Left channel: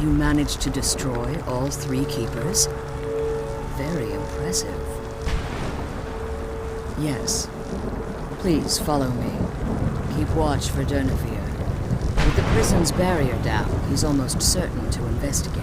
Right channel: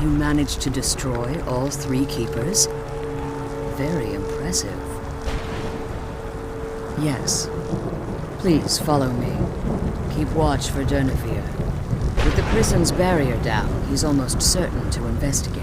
You managed to destroy all 3 keepers? Very impressive. Yes. Please follow me. Keep watch for Durnevere. With the prison's barrier down, he's almost certain to investigate.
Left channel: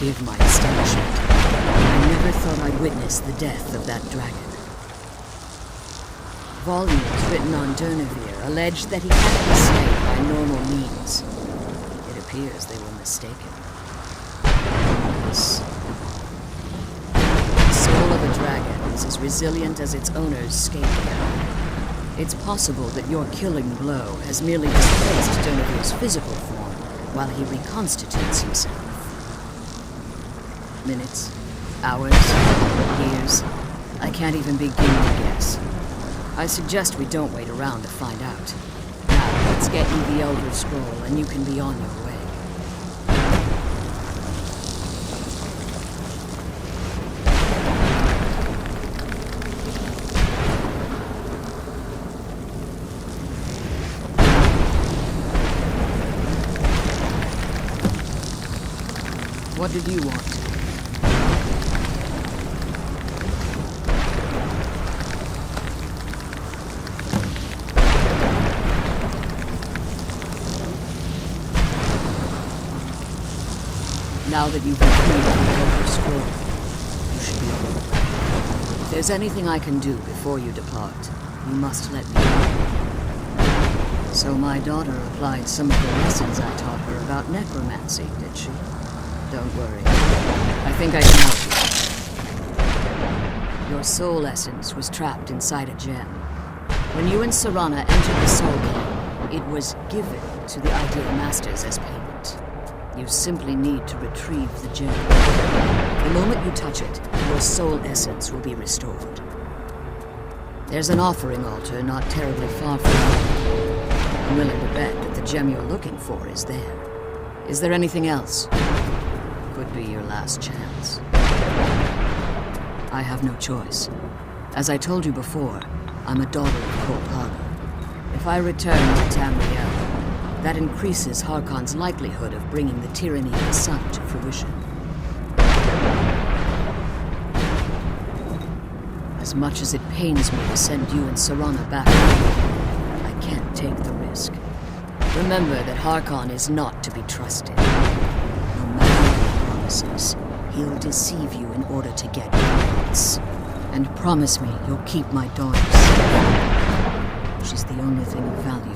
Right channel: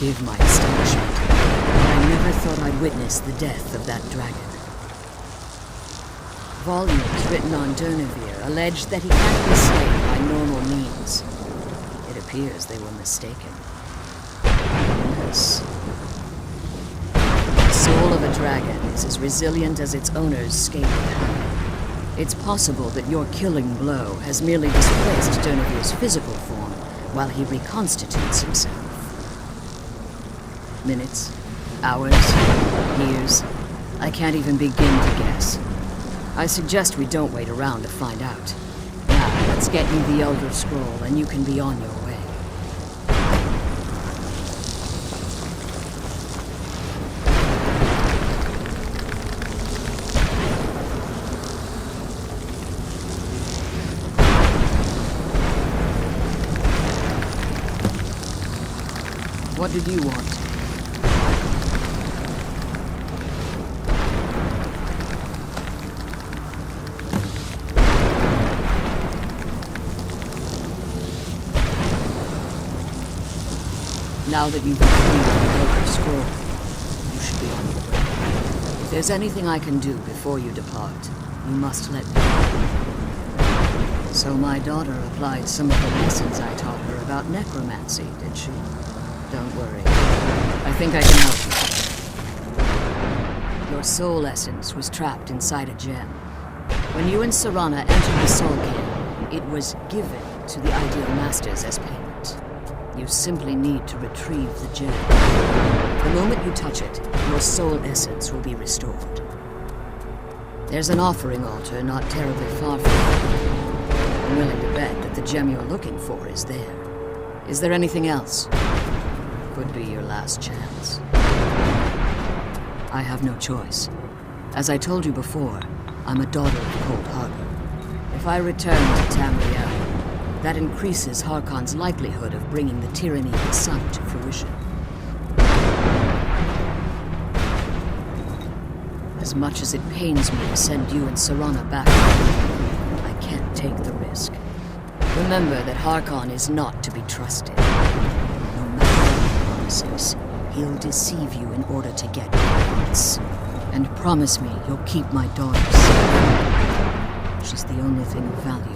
Forgive my astonishment, but I never thought I'd witness the death of that dragon. Volumes written on Durnevere allege that he can't be slain by normal means. It appears they were mistaken. Yes. The soul of a dragon is as resilient as its owner's scaly hide. It's possible that your killing blow has merely displaced Durnevere's physical form while he reconstitutes himself. Minutes, hours, years. I can't even begin to guess. I suggest we don't wait around to find out. Now, let's get you the Elder Scroll and you can be on your way. What did you want? Now that you've retrieved the Elder Scroll, you should be on your way. If there's anything I can do before you depart, you must let me know. So my daughter applied some of the lessons I taught her about necromancy, did she? Don't worry. I think I can help you. Your soul essence was trapped inside a gem. When you and Serana entered the Soul King, it was given to the Ideal Masters as payment. You simply need to retrieve the gem. The moment you touch it, your soul essence will be restored. There's an offering altar not terribly far from here. I'm willing to bet that the gem you're looking for is there. Is there anything else? Could be your last chance. I have no choice. As I told you before, I'm a daughter of Cold Harbor. If I return to Tamriel, that increases Harkon's likelihood of bringing the tyranny of the sun to fruition. As much as it pains me to send you and Serana back home, I can't take the risk. Remember that Harkon is not to be trusted. No matter what he promises, he'll deceive you in order to get what he wants. And promise me you'll keep my daughter safe. She's the only thing of value.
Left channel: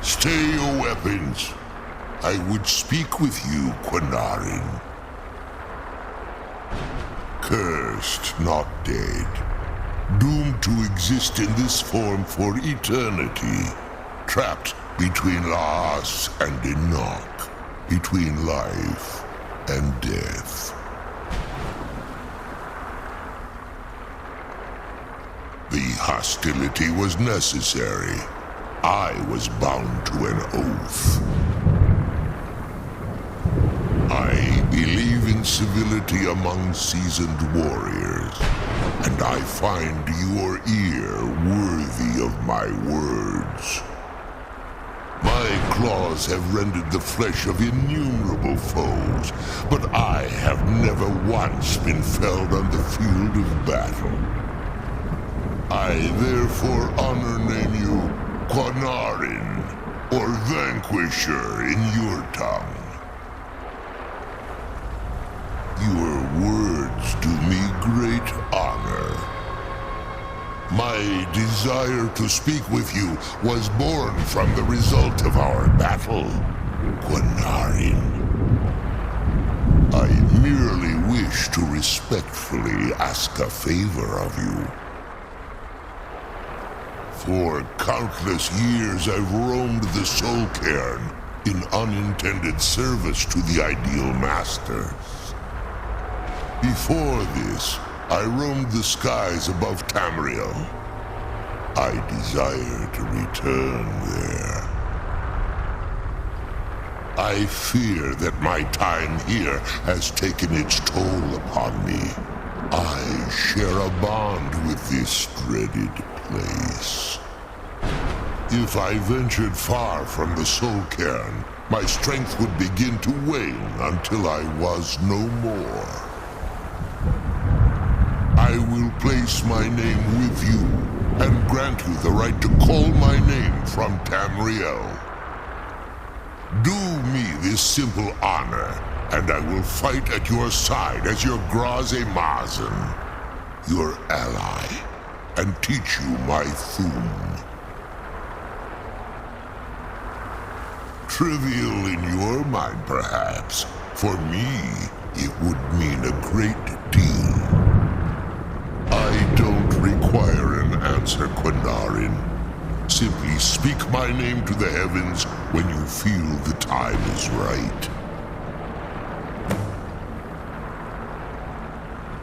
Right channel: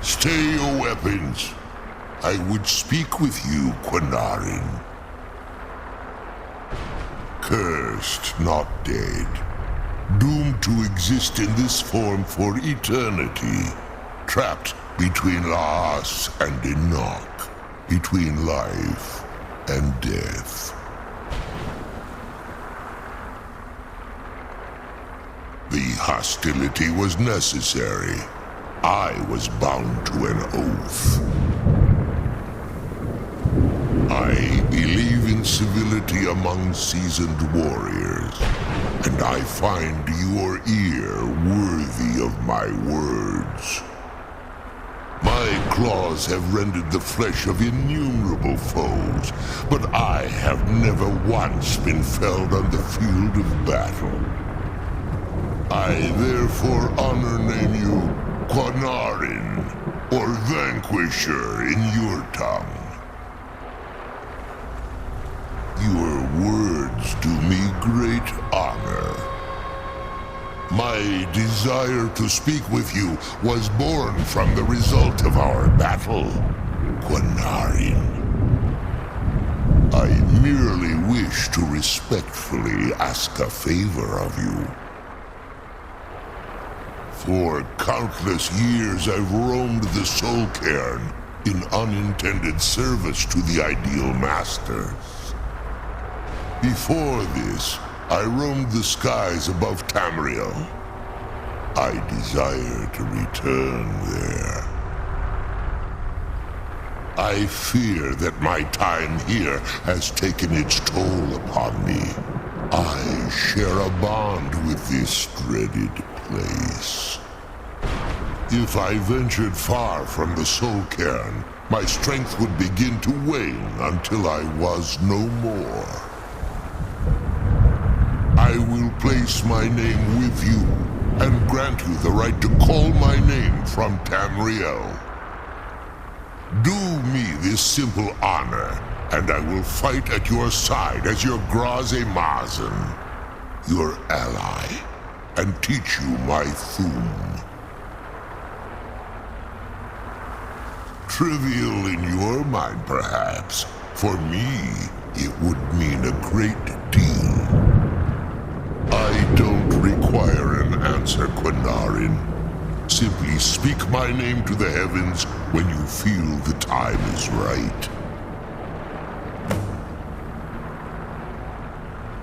Stay your weapons. I would speak with you, Quinarin. Cursed, not dead. Doomed to exist in this form for eternity. Trapped between Laas and Enoch. Between life and death. The hostility was necessary. I was bound to an oath. I believe in civility among seasoned warriors, and I find your ear worthy of my words. My claws have rended the flesh of innumerable foes, but I have never once been felled on the field of battle. I therefore honor name you Quinarin, or Vanquisher in your tongue. Your words do me great honor. My desire to speak with you was born from the result of our battle, Quinarin. I merely wish to respectfully ask a favor of you. For countless years I've roamed the Soul Cairn in unintended service to the Ideal Masters. Before this, I roamed the skies above Tamriel. I desire to return there. I fear that my time here has taken its toll upon me. I share a bond with this dreaded place. If I ventured far from the soul cairn, my strength would begin to wane until I was no more. I will place my name with you and grant you the right to call my name from Tamriel. Do me this simple honor, and I will fight at your side as your Graze Mazen, your ally, and teach you my Thum. Trivial in your mind, perhaps. For me, it would mean a great deal. I don't require an answer, Quinarin. Simply speak my name to the heavens when you feel the time is right.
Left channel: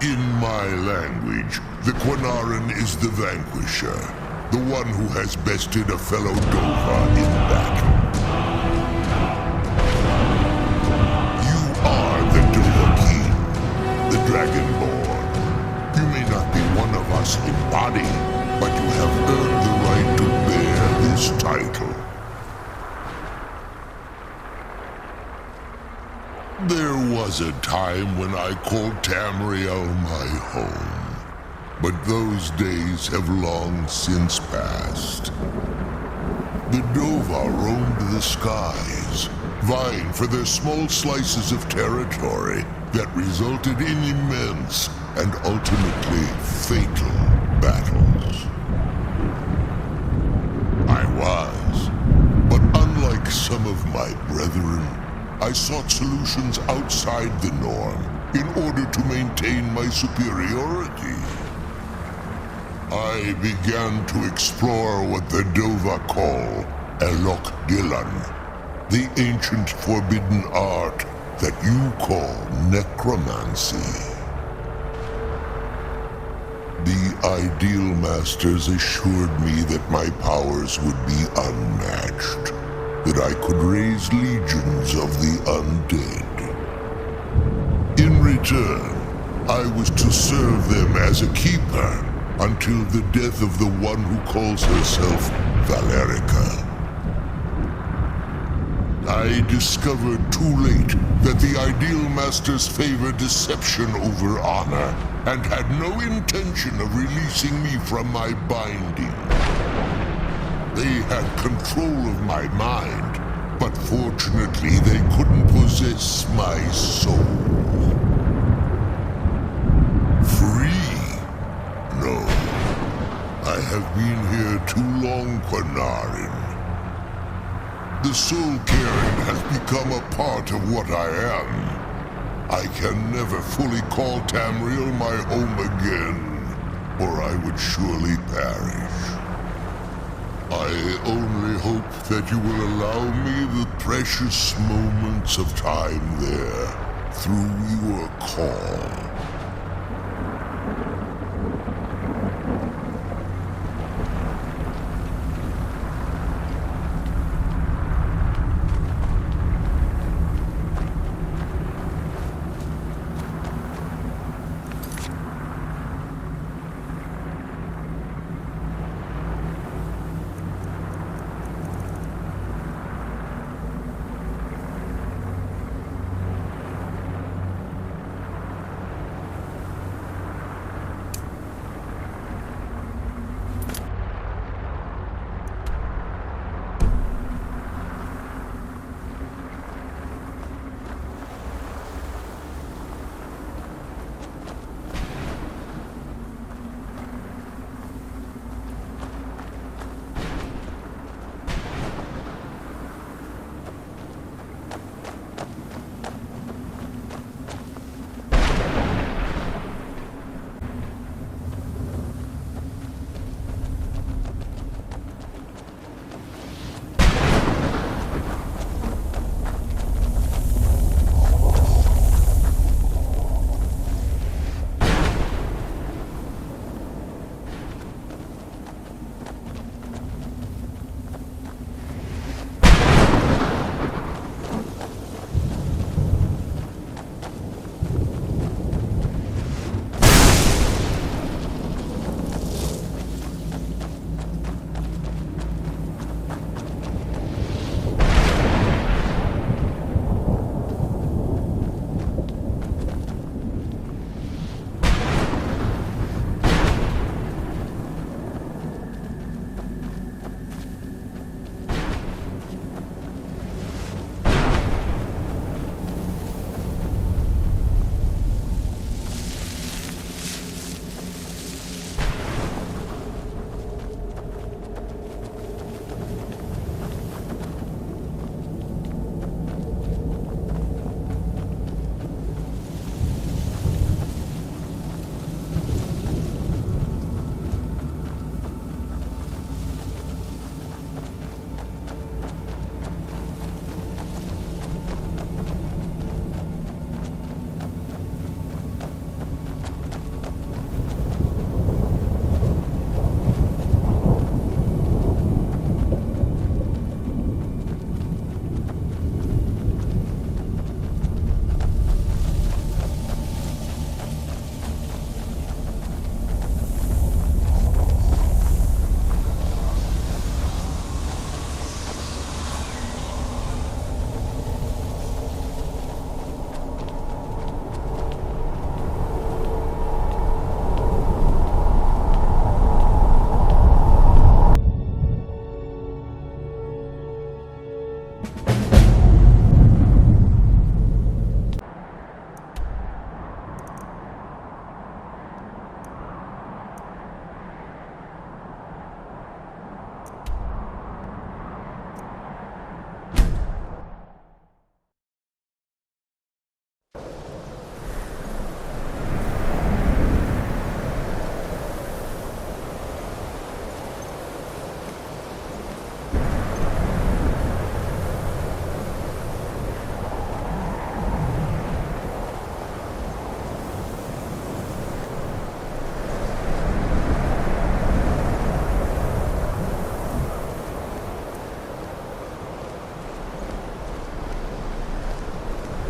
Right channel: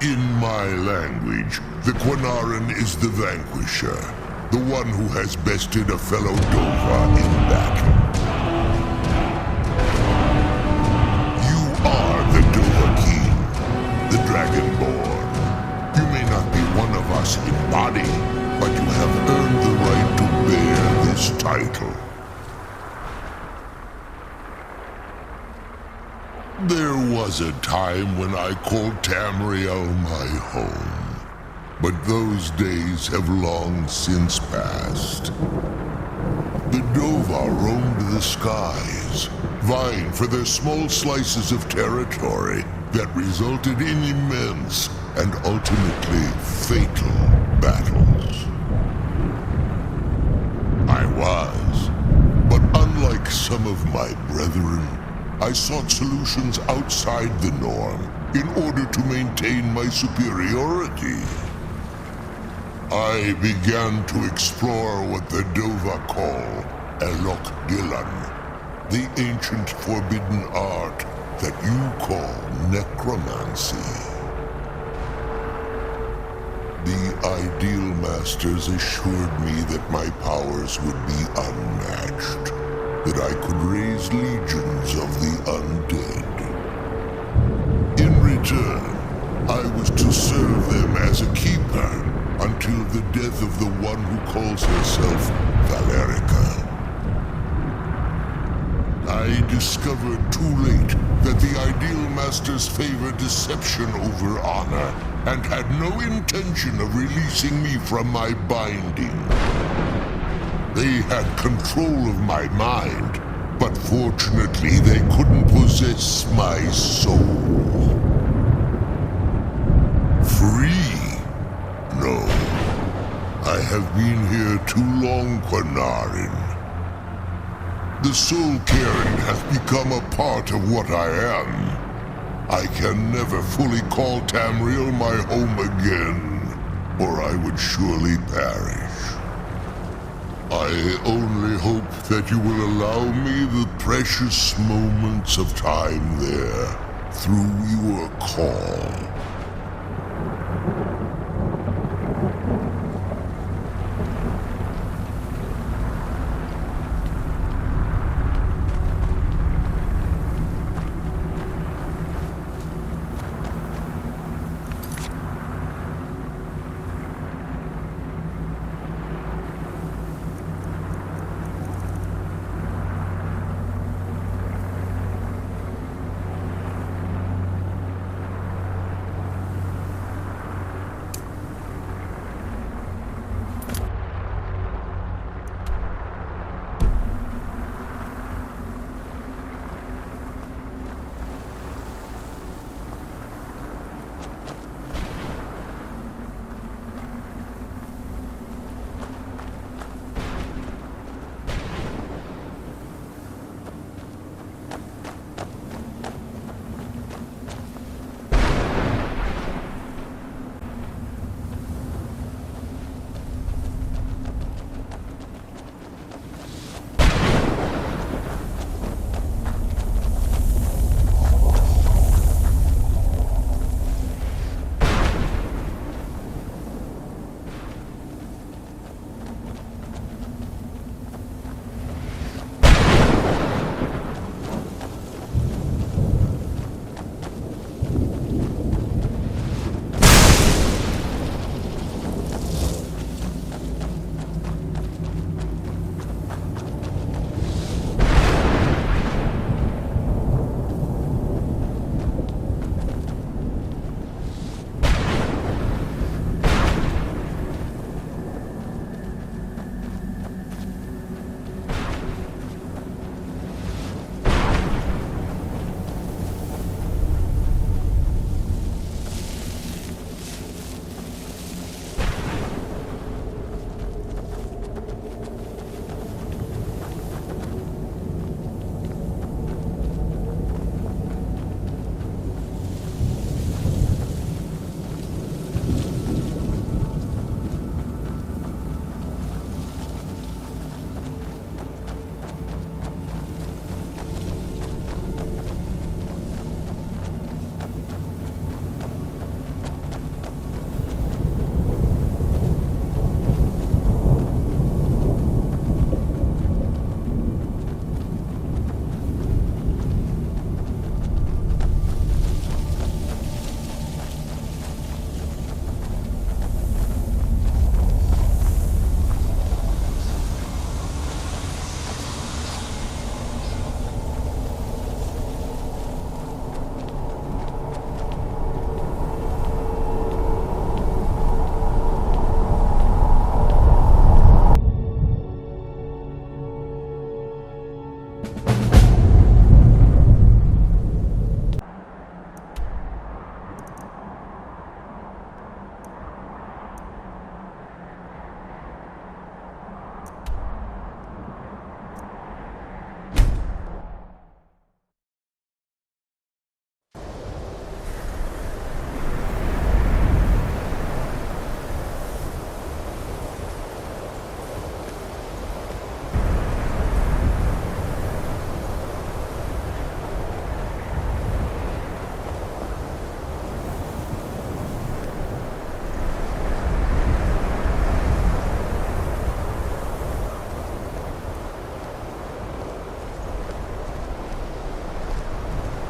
In my language, the Quinarin is the vanquisher, the one who has bested a fellow Dova in battle. You are the Dova King, the Dragonborn. You may not be one of us in body, but you have earned the right to bear this title. There was a time when I called Tamriel my home, but those days have long since passed. The Dova roamed the skies, vying for their small slices of territory that resulted in immense and ultimately fatal battles. I was, but unlike some of my brethren, I sought solutions outside the norm in order to maintain my superiority. I began to explore what the Dova call Elok Dylan, the ancient forbidden art that you call necromancy. The Ideal Masters assured me that my powers would be unmatched, that I could raise legions of the undead. In return, I was to serve them as a keeper until the death of the one who calls herself Valerica. I discovered too late that the Ideal Masters favor deception over honor and had no intention of releasing me from my binding. They had control of my mind, but fortunately they couldn't possess my soul. Free? No. I have been here too long, Quinarin. The soul cairn has become a part of what I am. I can never fully call Tamriel my home again, or I would surely perish. I only hope that you will allow me the precious moments of time there through your call.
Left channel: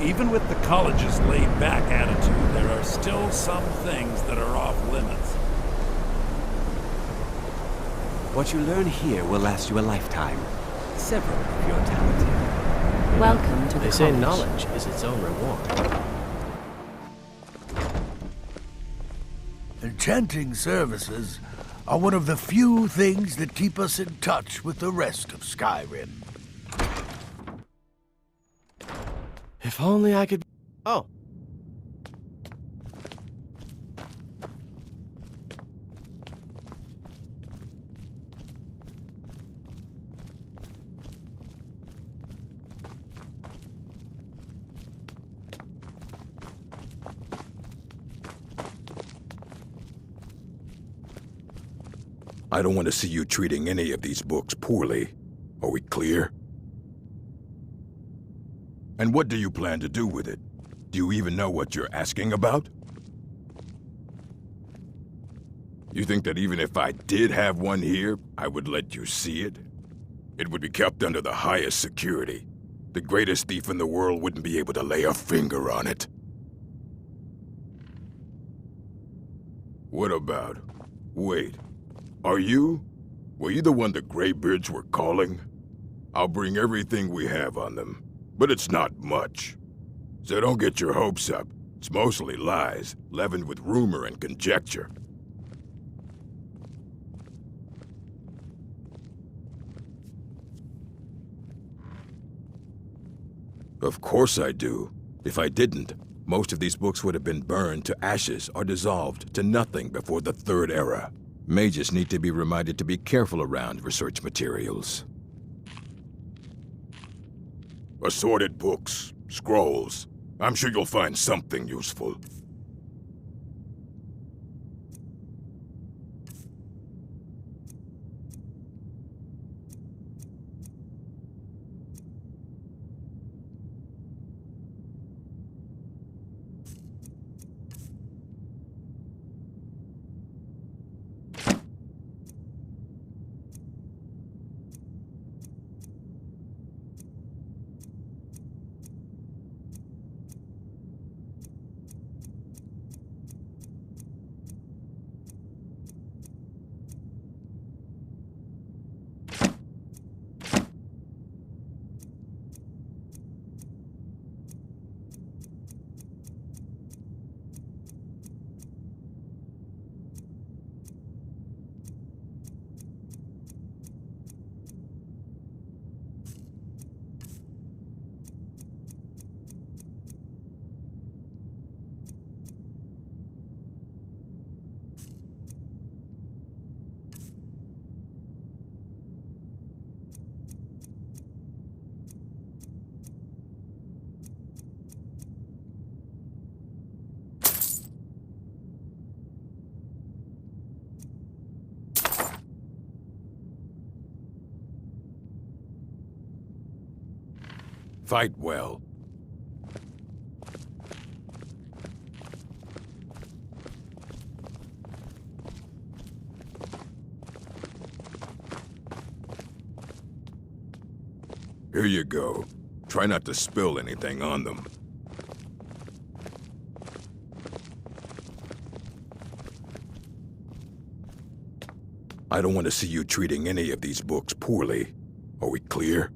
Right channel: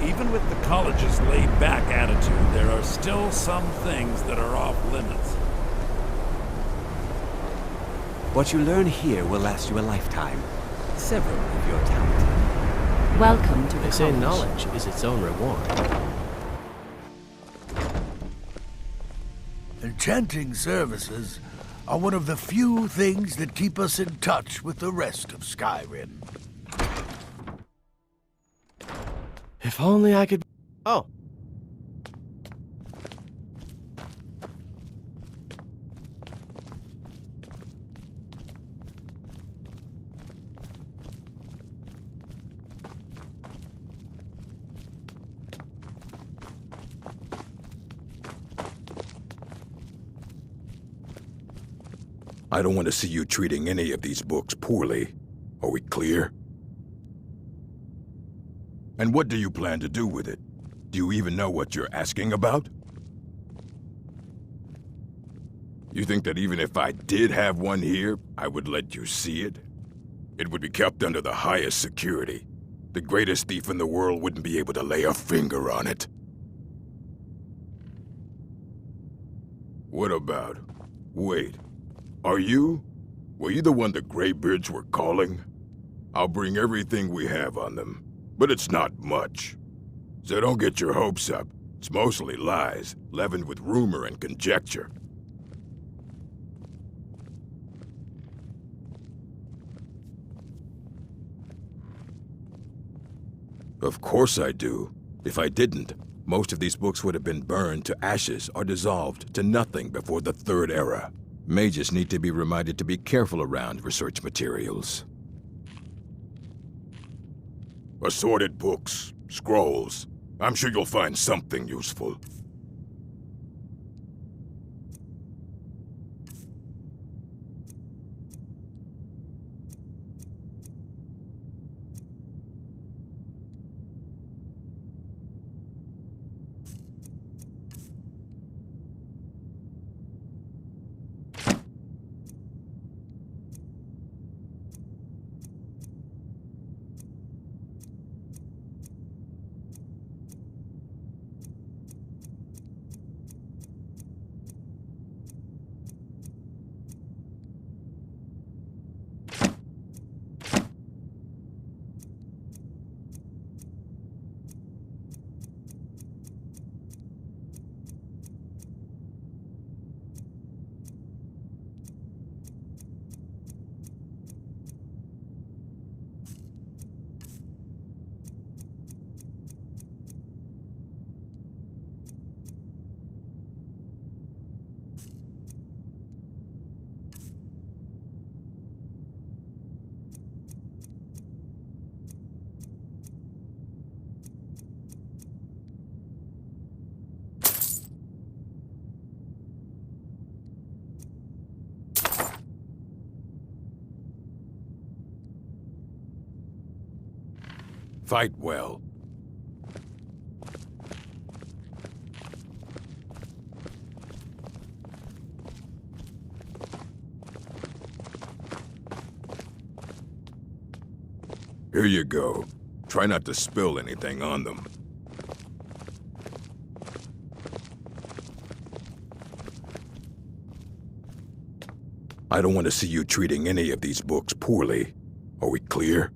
Even with the college's laid-back attitude, there are still some things that are off limits. What you learn here will last you a lifetime. Several if you're talented. Welcome to the They say college. knowledge is its own reward. Enchanting services are one of the few things that keep us in touch with the rest of Skyrim. If only I could... Oh. I don't want to see you treating any of these books poorly. Are we clear? And what do you plan to do with it? Do you even know what you're asking about? You think that even if I did have one here, I would let you see it? It would be kept under the highest security. The greatest thief in the world wouldn't be able to lay a finger on it. What about... Wait. Are you? Were you the one the Greybeards were calling? I'll bring everything we have on them, but it's not much. So don't get your hopes up. It's mostly lies, leavened with rumor and conjecture. Of course I do. If I didn't, most of these books would have been burned to ashes or dissolved to nothing before the Third Era. Mages need to be reminded to be careful around research materials. Assorted books, scrolls. I'm sure you'll find something useful. Fight well. Here you go. Try not to spill anything on them. I don't want to see you treating any of these books poorly. Are we clear?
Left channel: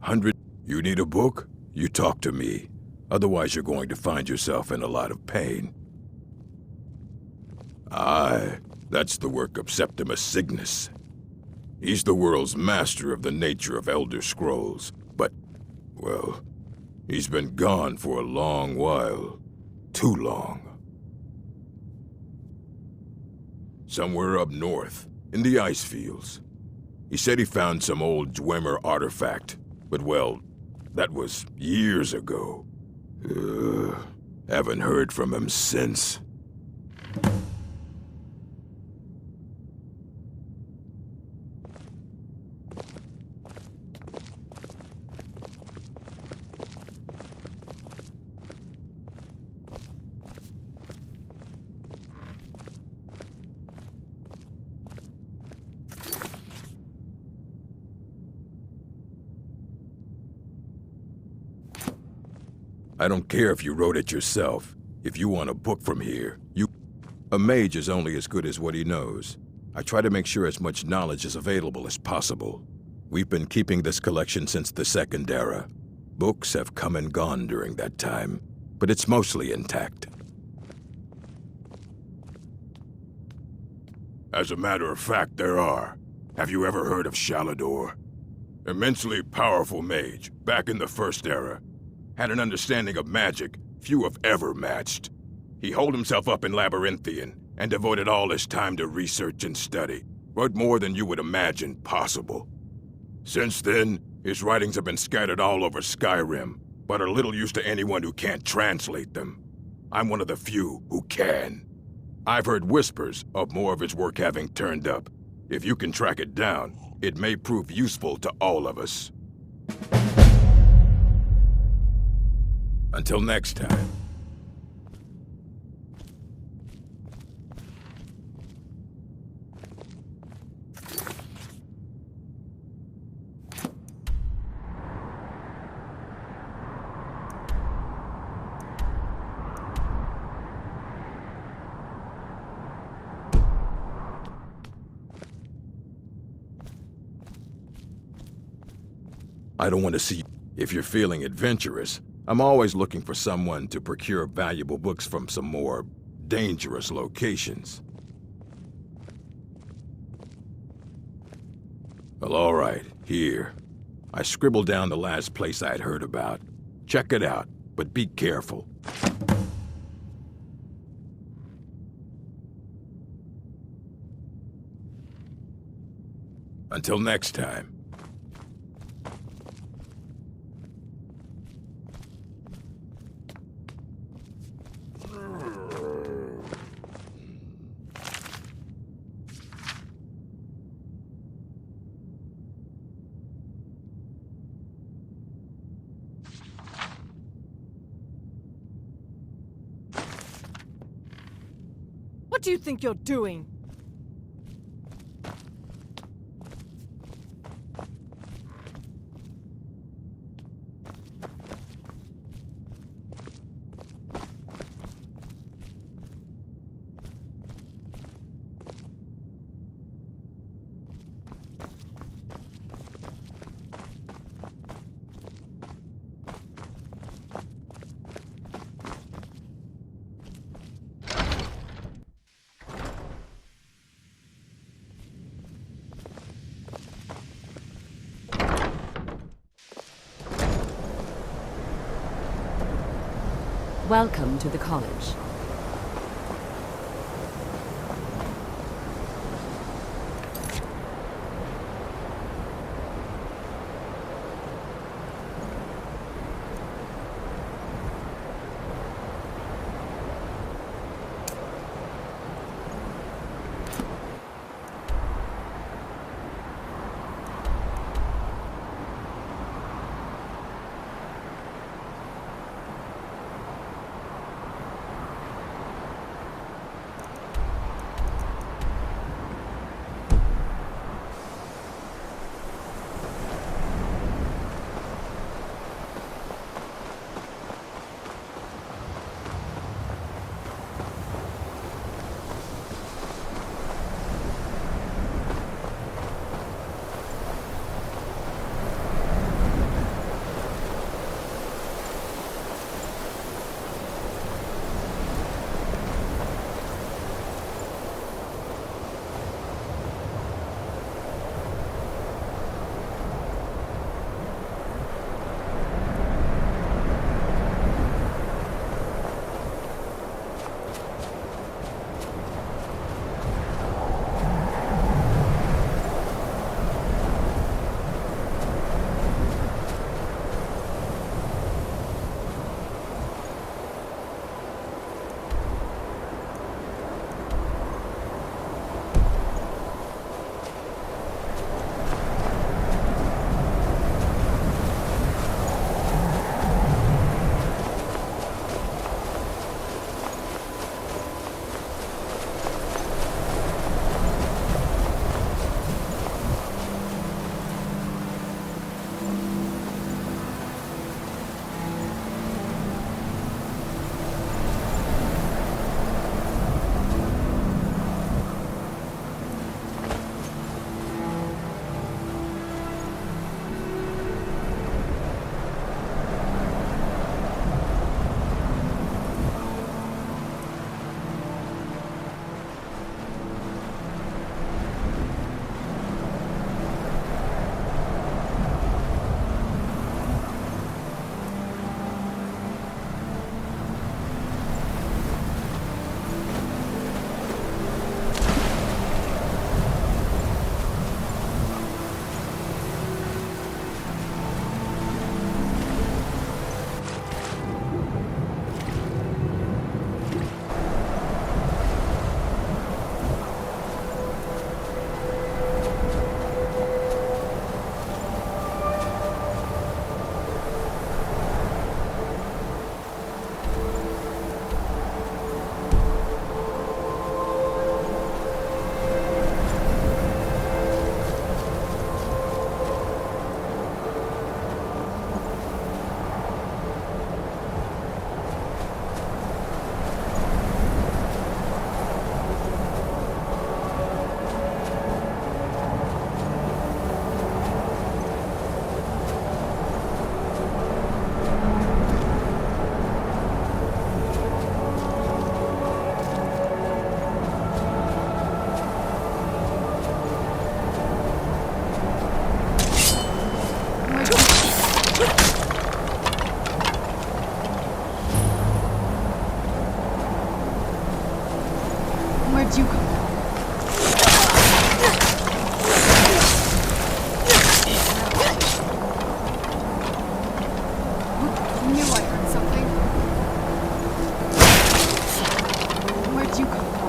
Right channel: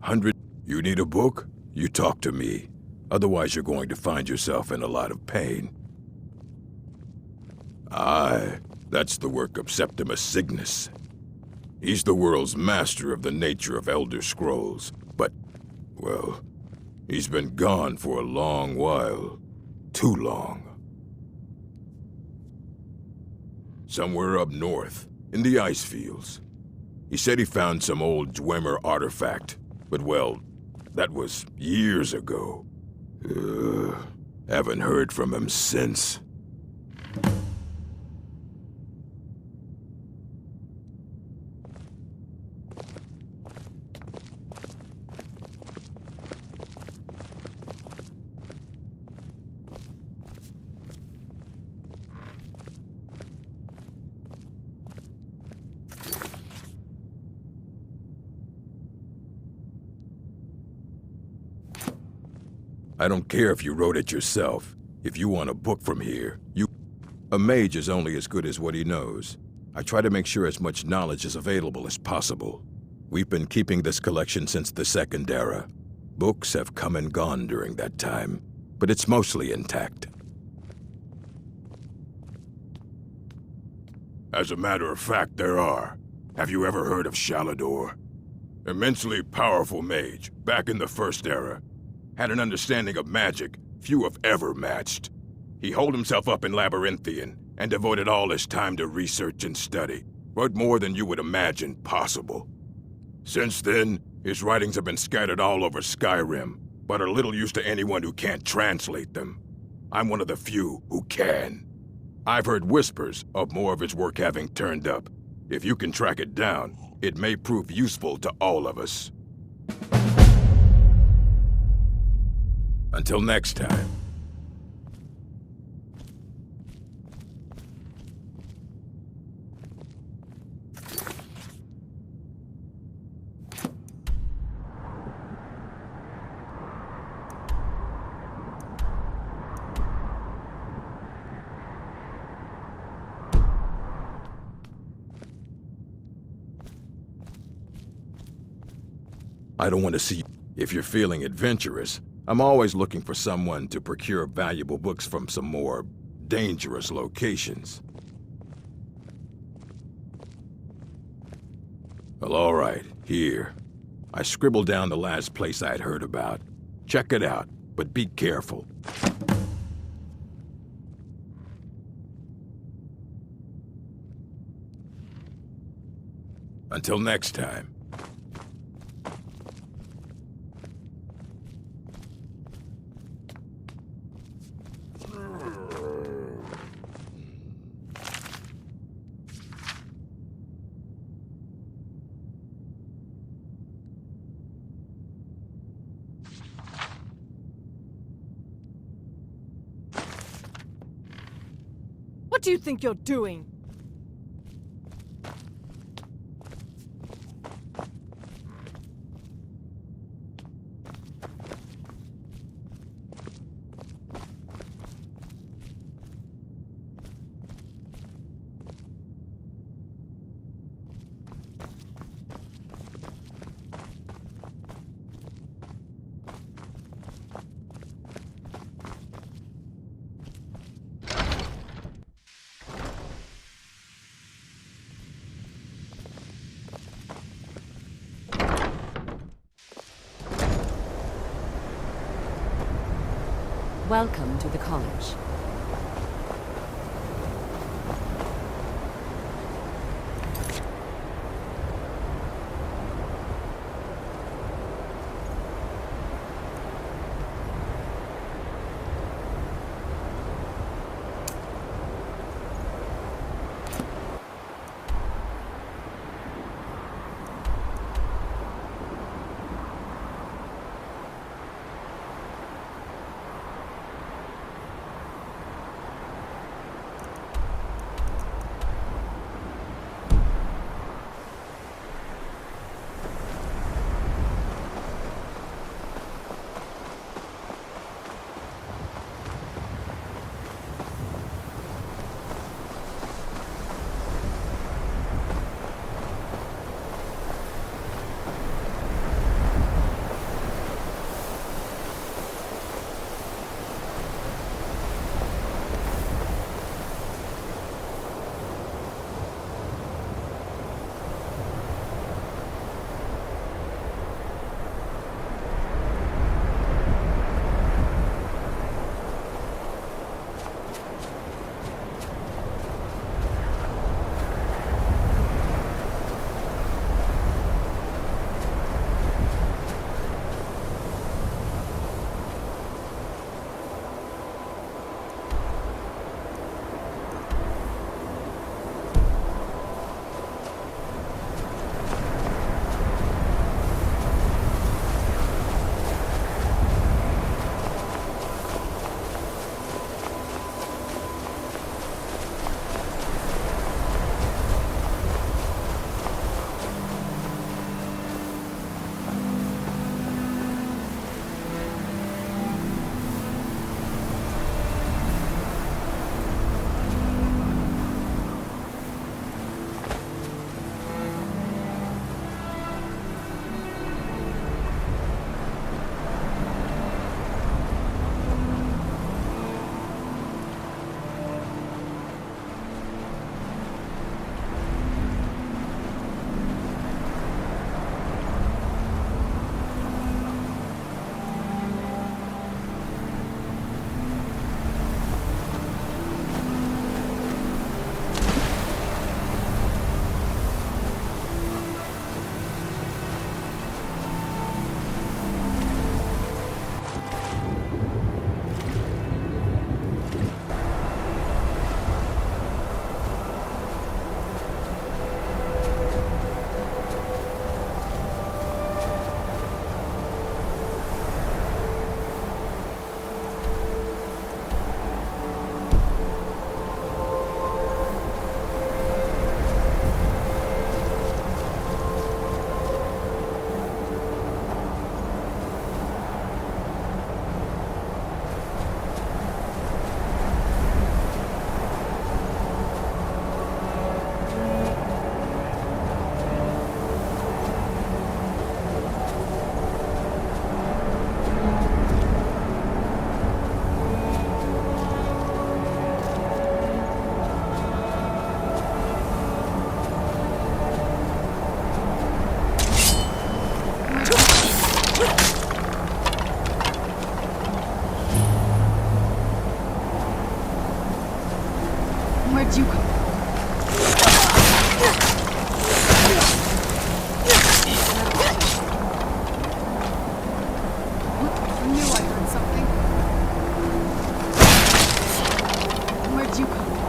100. You need a book? You talk to me. Otherwise you're going to find yourself in a lot of pain. Aye, that's the work of Septima Cygnus. He's the world's master of the nature of Elder Scrolls, but, well, he's been gone for a long while. Too long. Somewhere up north, in the ice fields. He said he found some old Dwemer artifact, but well, that was years ago. Haven't heard from him since. I don't care if you wrote it yourself. If you want a book from here, A mage is only as good as what he knows. I try to make sure as much knowledge is available as possible. We've been keeping this collection since the Second Era. Books have come and gone during that time, but it's mostly intact. As a matter of fact, there are. Have you ever heard of Shalador? Immensely powerful mage, back in the First Era. Had an understanding of magic few have ever matched. He holed himself up in Labyrinthian and devoted all his time to research and study, but more than you would imagine possible. Since then, his writings have been scattered all over SKYRIM, but are little use to anyone who can't translate them. I'm one of the few who can. I've heard whispers of more of his work having turned up. If you can track it down, it may prove useful to all of us. Until next time. I don't want to see you. If you're feeling adventurous, I'm always looking for someone to procure valuable books from some more dangerous locations. Well, all right, here. I scribbled down the last place I'd heard about. Check it out, but be careful. Until next time. What do you think you're doing? Welcome to the college. Where'd you come from? I knew I heard something. Where'd you come from?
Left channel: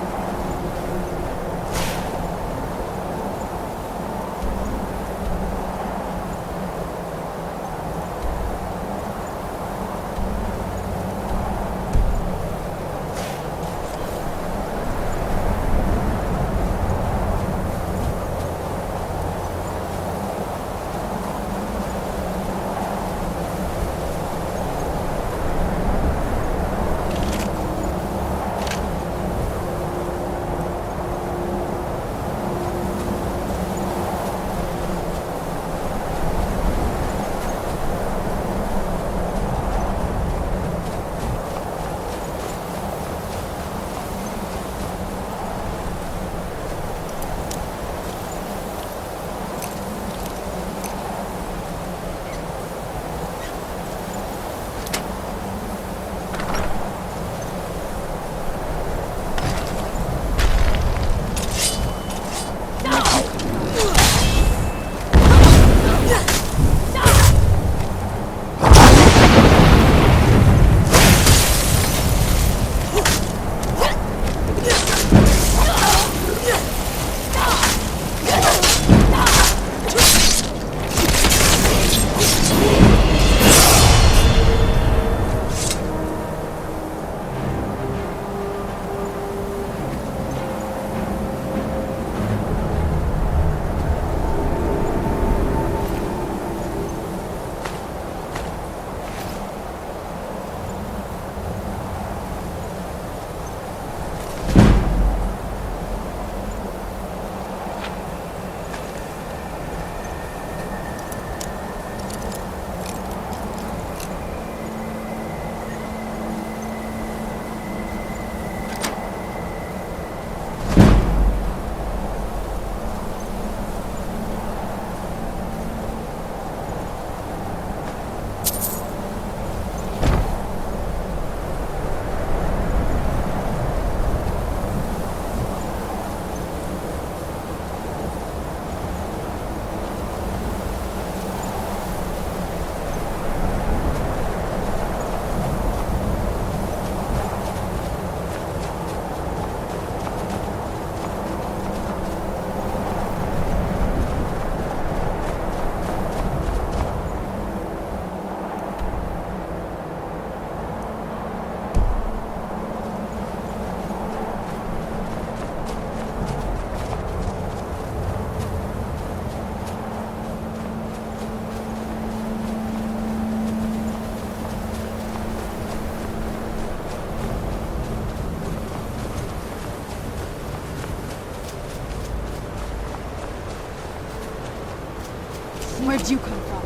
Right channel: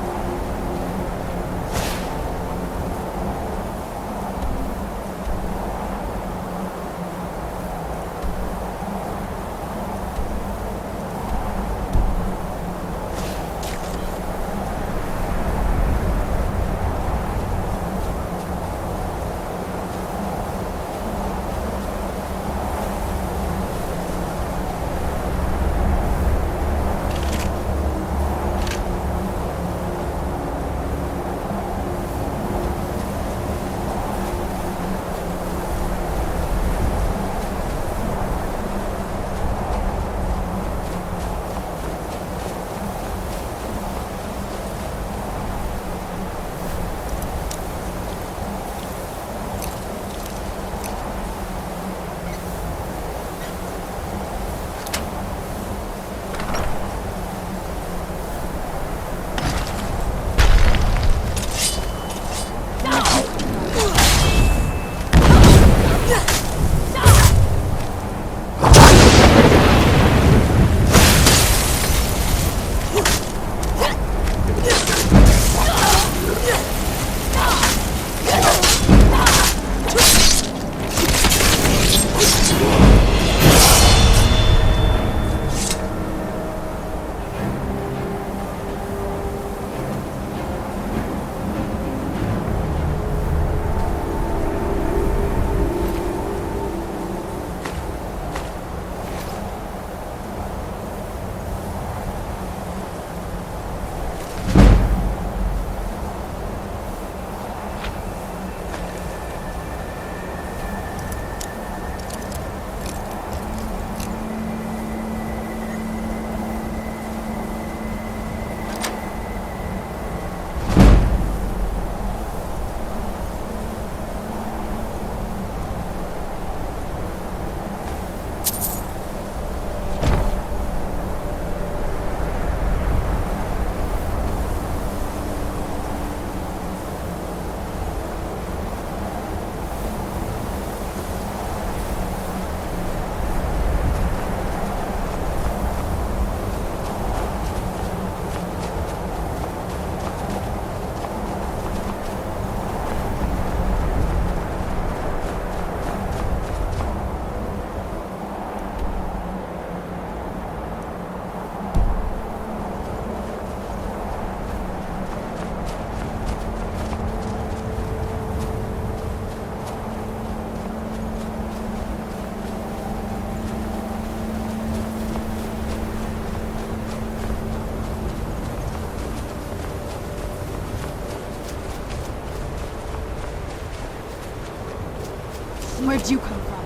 Where'd you come from?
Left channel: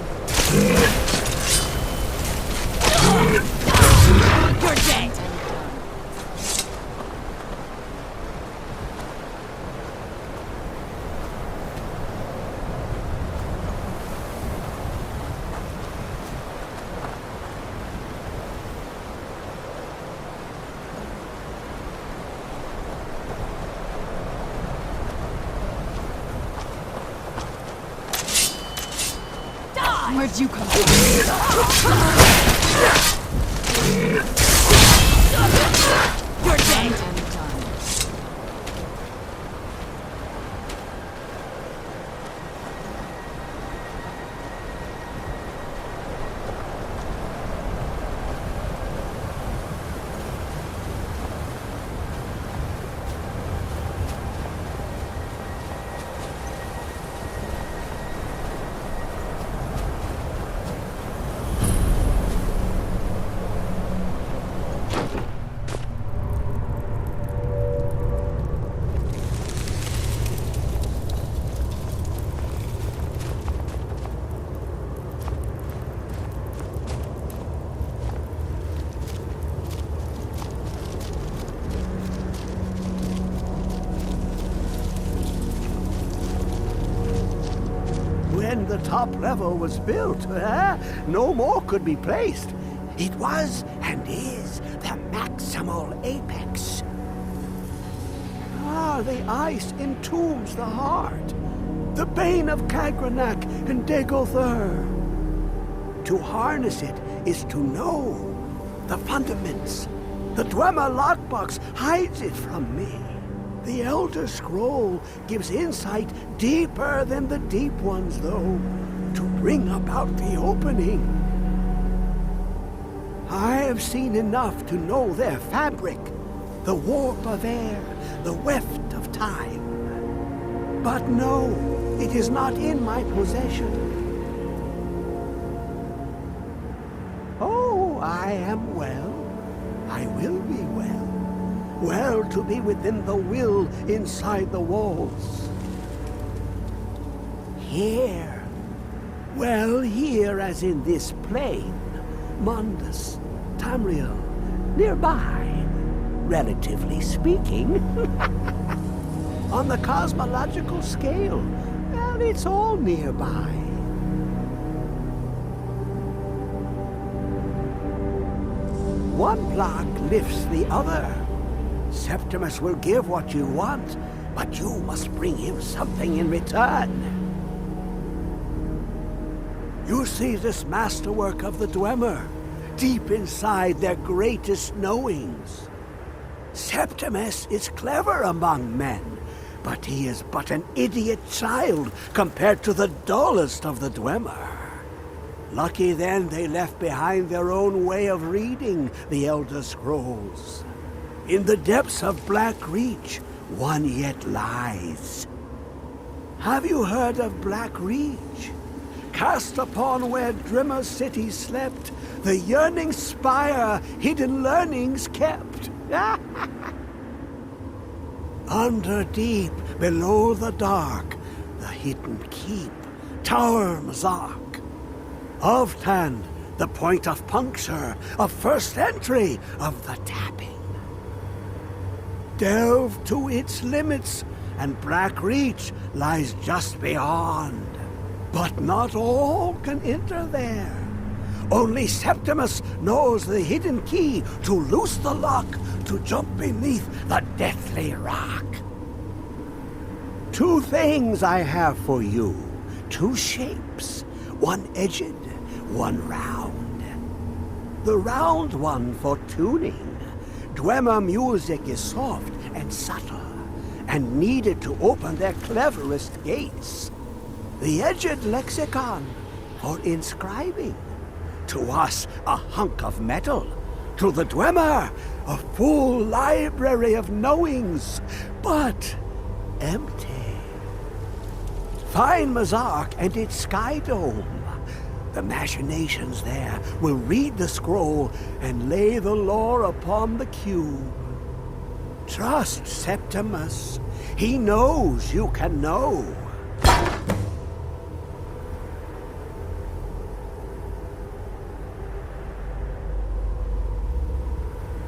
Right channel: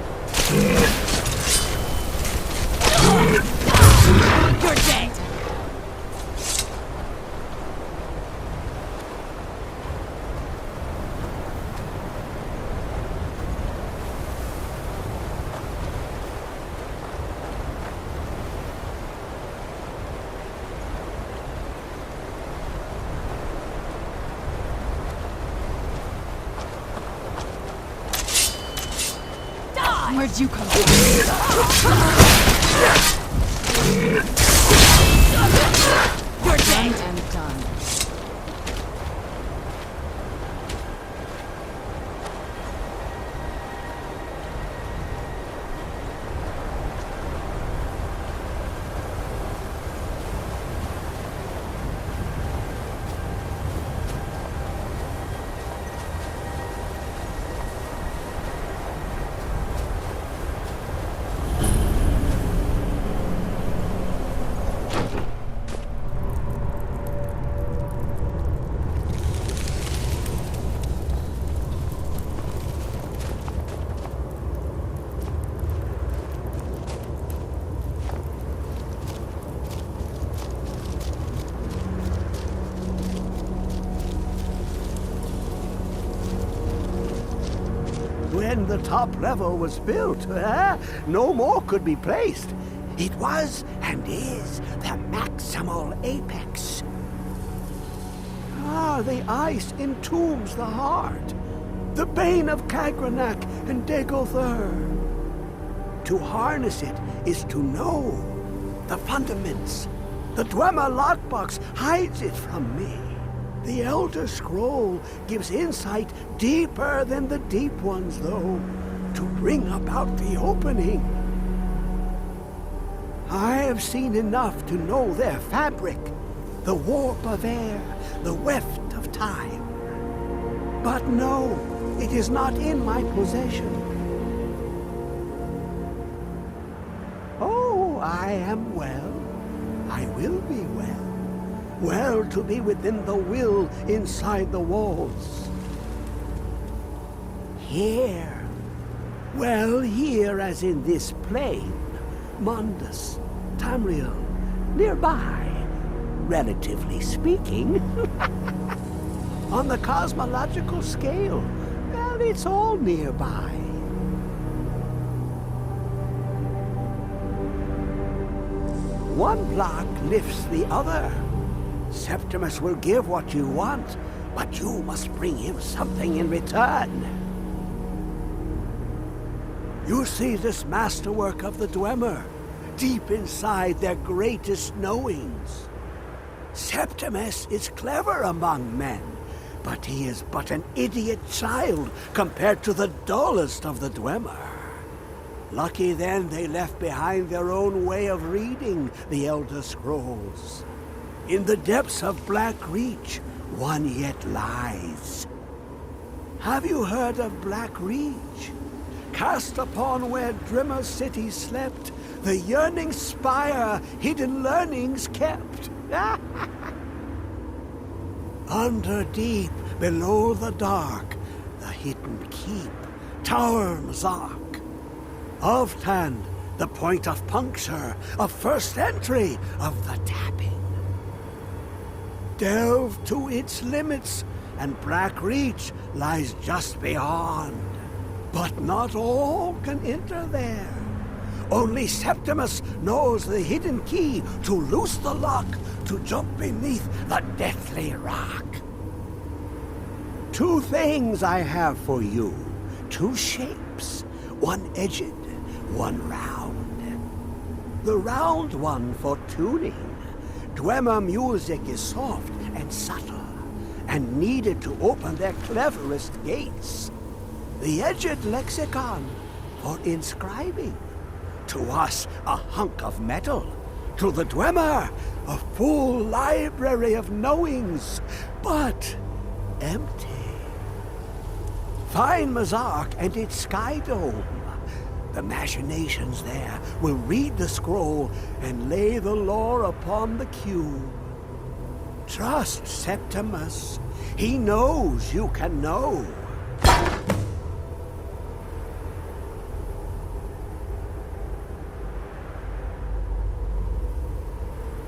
You're dead! Where'd you come from? You're dead and done. When the top level was built, no more could be placed. It was and is the maximal apex. The ice entombs the heart. The bane of Kagranak and Degolthur. To harness it is to know the fundaments. The Dwemer lockbox hides it from me. The Elder Scroll gives insight deeper than the deep ones, though, to bring about the opening. I have seen enough to know their fabric, the warp of air, the weft of time. But no, it is not in my possession. Oh, I am well. I will be well. Well to be within the will inside the walls. Here. Well, here as in this plain. Mundus, Tamriel, nearby, relatively speaking. On the cosmological scale, well, it's all nearby. One block lifts the other. Septimus will give what you want, but you must bring him something in return. You see this masterwork of the Dwemer, deep inside their greatest knowings. Septimus is clever among men, but he is but an idiot child compared to the dullest of the Dwemer. Lucky then they left behind their own way of reading the Elder Scrolls. In the depths of Black Reach, one yet lies. Have you heard of Black Reach? Cast upon where Drimmer City slept, the yearning spire hidden learnings kept. Under deep, below the dark, the hidden keep, Tower Mazark. Of Tand, the point of puncture, of first entry, of the tapping. Delve to its limits, and Black Reach lies just beyond. But not all can enter there. Only Septimus knows the hidden key to loose the lock, to jump beneath the deathly rock. Two things I have for you, two shapes, one edged, one round. The round one for tuning. Dwemer music is soft and subtle, and needed to open their cleverest gates. The edged lexicon for inscribing. To us, a hunk of metal. To the Dwemer, a full library of knowings, but empty. Find Mazark and its sky dome. The machinations there will read the scroll and lay the lore upon the cube. Trust Septimus. He knows you can know.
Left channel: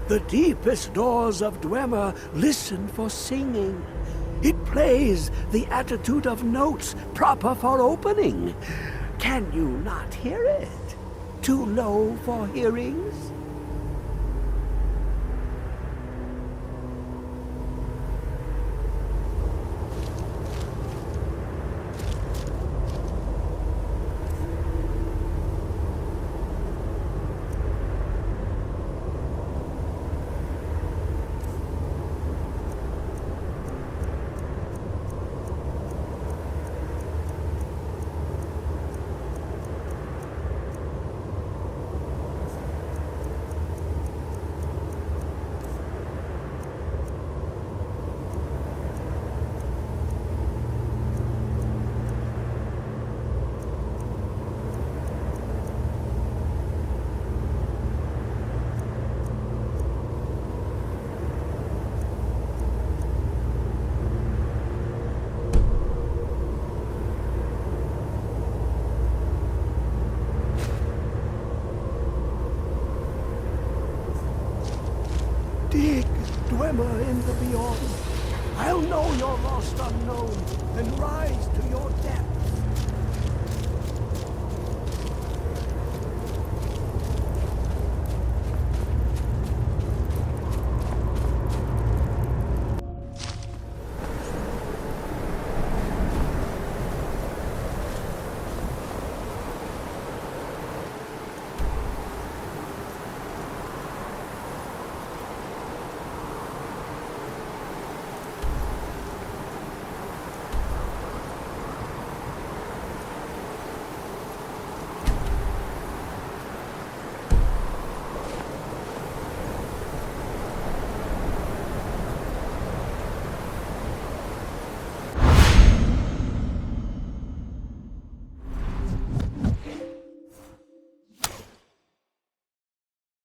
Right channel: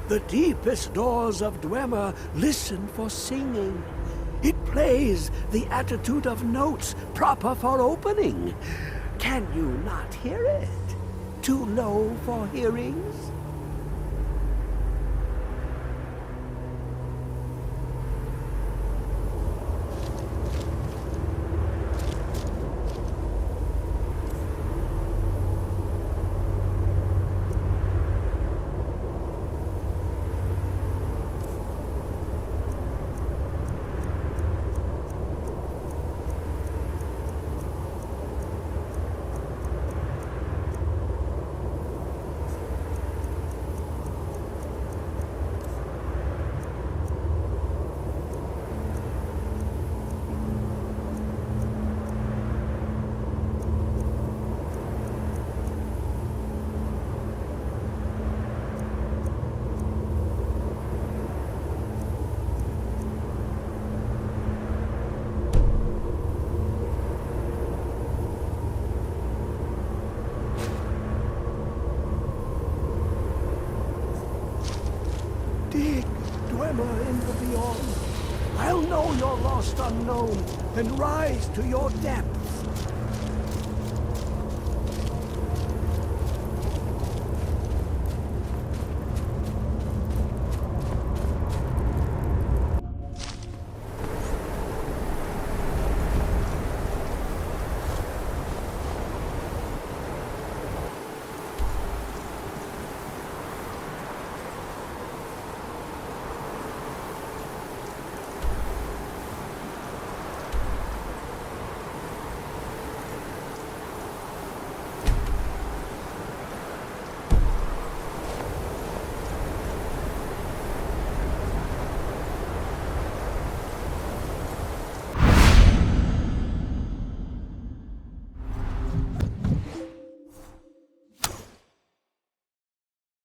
The deepest doors of Dwemer listen for singing. It plays the attitude of notes proper for opening. Can you not hear it? Too low for hearings? Dig, Dwemer in the beyond. I'll know your lost unknown, then rise to your depth.